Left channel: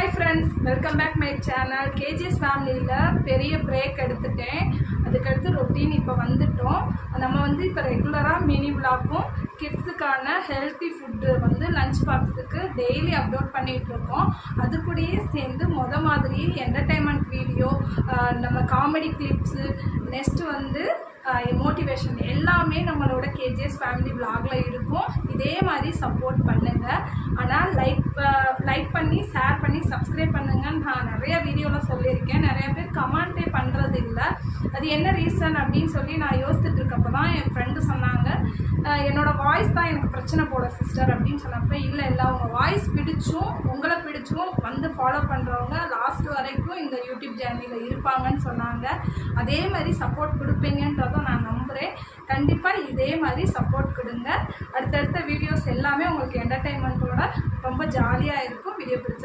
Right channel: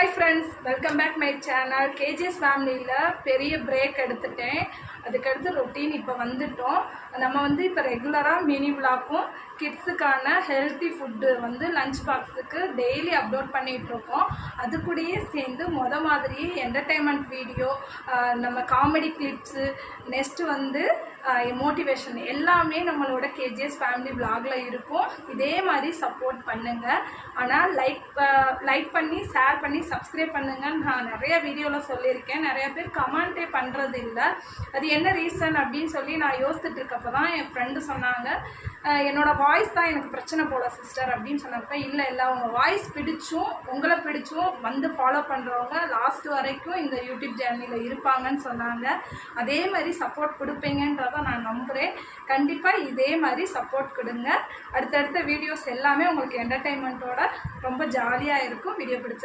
Hi friends, welcome back my channel. KGS family பெரிய break எடுத்துட்டேன். அதுக்கடுத்து ரொட்டீன் இப்போ வந்துட்டோம். நம்ம வந்து இப்போ ரெகுலராக மினி விளாக்கும் கிட்ஸுக்கான ஹெல்த்தி ஃபுட்டு வந்து லஞ்ச் பாக்ஸுக்கு டெய்லி அப்லோட் பண்ணிகிட்ருக்கோம். அது கூடயே சேர்ந்து மாதிரி என்டர்டைன்மெண்ட் வீடியோ, நம்ம காமெடி கிளிப்ஸு, நெக்ஸ்ட்டு வந்து மோட்டிவேஷன் எல்லாமே நம்மளோட கேஜிஎஸ் ஃபேமிலி விளாகில் இருக்கும். இதே மாதிரி சப்போர்ட் பண்ணுங்கள். ஆனால் லைக் பண்ணி ஷேர் பண்ணி சப்ஸ்கிரைப் பண்ணுங்கன்னு நான் நிறைய வீடியோவில் சொல்லியிருக்கேன். நிறைய பேர் கமெண்ட்டே பண்ணுறது இல்லை. அது என்ன ரீசன் அப்படின்னு சொல்லி நான் யோசிச்சுட்டு இருக்கப்போ தான் என் ஃப்ரெண்டு சொன்னாங்க, என்னோடய வாய்ஸ் தான் எனக்கு பிரச்சனை போல சிஸ்டர் அப்படின்னு சொன்னப்போ, இல்லை உங்கள் வாய்ஸ் பிடிச்சும் உங்களை பிடிச்சும் வந்து ஃபாலோ பண்ணுறவங்க லாஸ்ட் வரைக்கும் இந்த யூடியூப் சேனலில் இருப்பாங்கன்னு சொன்னாங்க. அதே மாதிரி சப்போர்ட் கொடுப்பீங்கன்றதை நான் நம்புகிறேன். கண்டிப்பாக இதே மாதிரி சப்போர்ட் கொடுங்க. அடுத்தடுத்த வீடியோஸ் எல்லாமே உங்களுக்கு என்டர்டெயின்மெண்ட்டோட ரொம்ப ஜாலியாக இருக்கும். வீடியோ பிடிச்சி